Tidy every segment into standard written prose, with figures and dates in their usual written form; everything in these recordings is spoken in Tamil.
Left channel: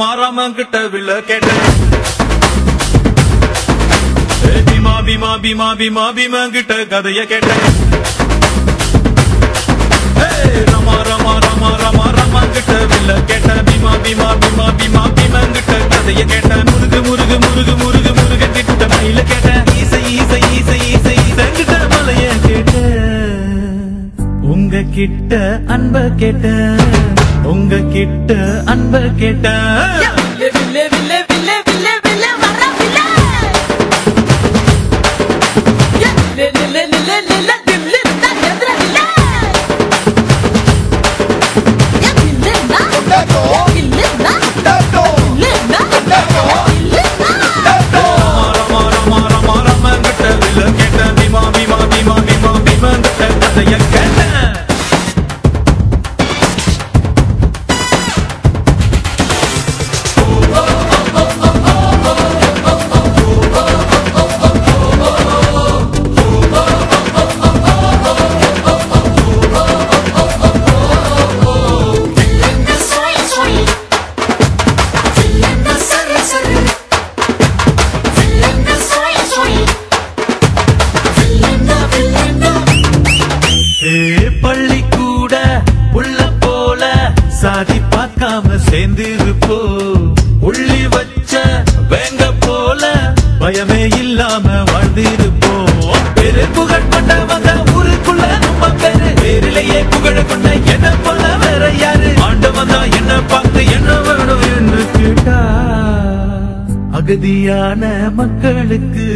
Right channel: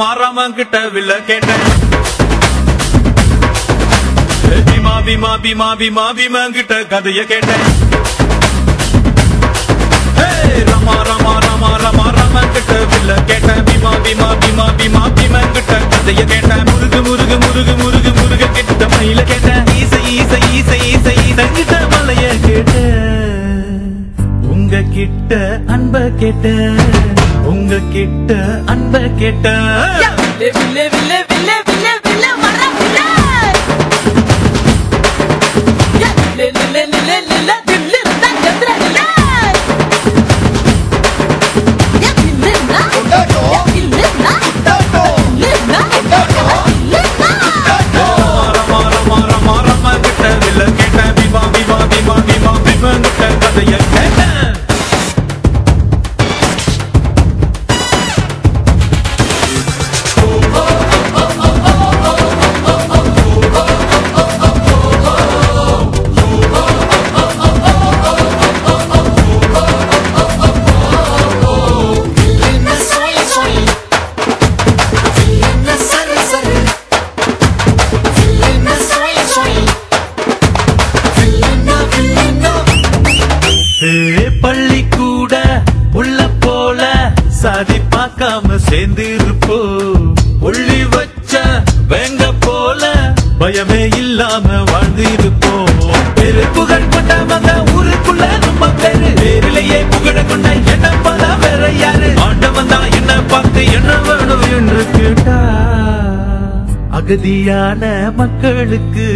ரமா கிட்ட வில்ல கேட்டேன். பீமா பீமா பீமா பீமா பீமா கிட்ட கதைய கேட்டேன். ரமா ரமா ரமா ரமா ரமா கிட்ட வில்ல கேட்டேன். பீமா பீமா பீமா பீமா பீமா கிட்ட கதைய கேட்டேன். முருகு முருகு முருகு முருகு முருக கிட்ட மயில கேட்டேன். ஈசை ஈசை ஈசை ஈசை ஈசங்கிட்ட மலைய கேட்டேன். உங்க கிட்ட அன்ப கேட்டேன். உங்க கிட்ட அன்ப கேட்டேன். வில்லே வில்லே வில்லே வில்லே வில்லே வர வில்லே லே லே லே லே லே தில்லு தான் எதிர வில்லே யா தில்லு நா யா தில்லு நா தில்லு நா தில்லு நா ரமா ரமா ரமா ரமா கிட்ட வில்ல கேட்டேன். பீமா பீமா பீமா பீமா பீமா கிட்ட கதைய கேட்டேன். பள்ளி கூட உள்ள போல சாதி பார்க்காம சேர்ந்திருப்போ. உள்ளி வச்ச வேங்க போல பயமே இல்லாம வாழ்ந்திருப்போம். பெரு புகழ் கொண்டவங்க ஊருக்குள்ள நம்ம பேரு. பேரிலேயே புகழ கொண்ட என்ன போல வேற யாரு? ஆண்டவன் தான் என்ன பார்த்து என்ன வேணும் என்று கேட்டா. அகதியான மக்களுக்கு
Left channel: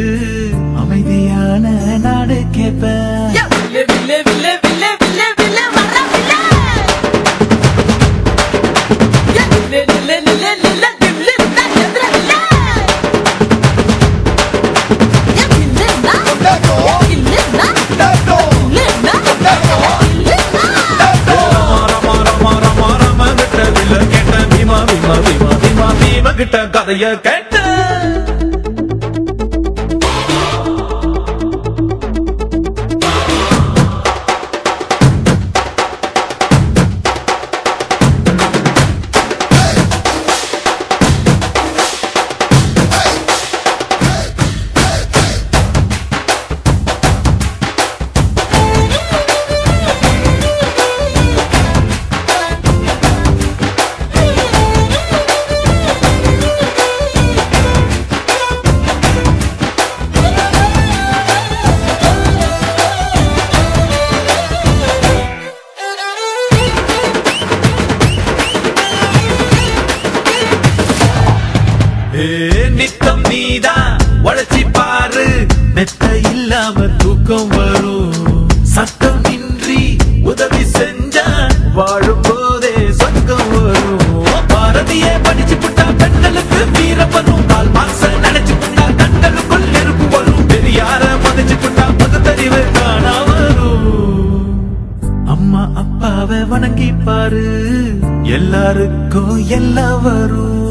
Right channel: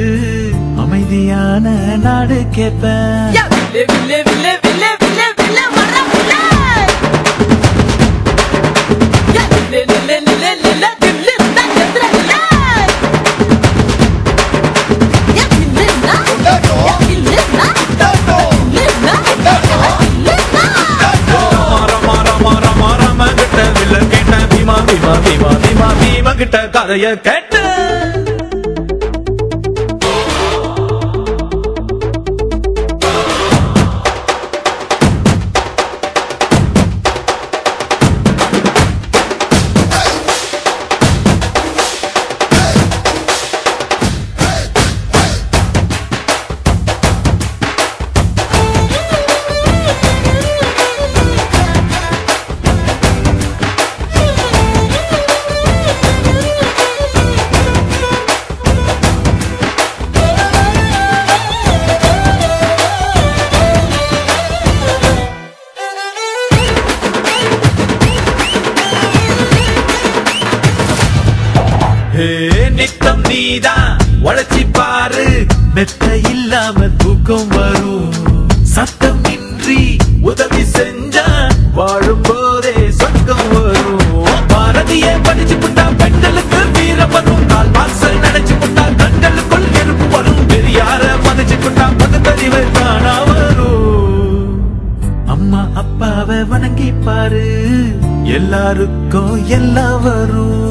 அமைதியான நாடு கேட்பேன். வில்லே வில்லே வில்லே வில்லே வில்லே வில்லே வர வில்லே யா லே லே லே லே தில்லு தான் எதிர வில்லே யா தில்லு நா யா தில்லு நா தில்லு நா தில்லு நா ரமா ரமா ரமா ரமா கிட்ட வில்ல கேட்டேன். பீமா பீமா பீமா பீமா பீமா கிட்ட கதைய கேட்டேன். நித்தம் நீதான் உழைச்சி பாரு. மெத்த இல்லாம தூக்கம் வரும். சத்தம் இன்றி உதவி செஞ்சா வாழும் போதே சொர்க்கம் வரும். பாரதியே படிச்சு புட்டா பெண்களுக்கு வீரம் வரும். கால் மாசல் நினைச்சு புட்டா கண்களுக்குள் நெருப்பு வரும். பெரியார மதிச்சு புட்டா பகுத்தறிவு காணா வரும். அம்மா அப்பாவை வணங்கி பாரு. எல்லாருக்கும் எல்லாம் வரும்.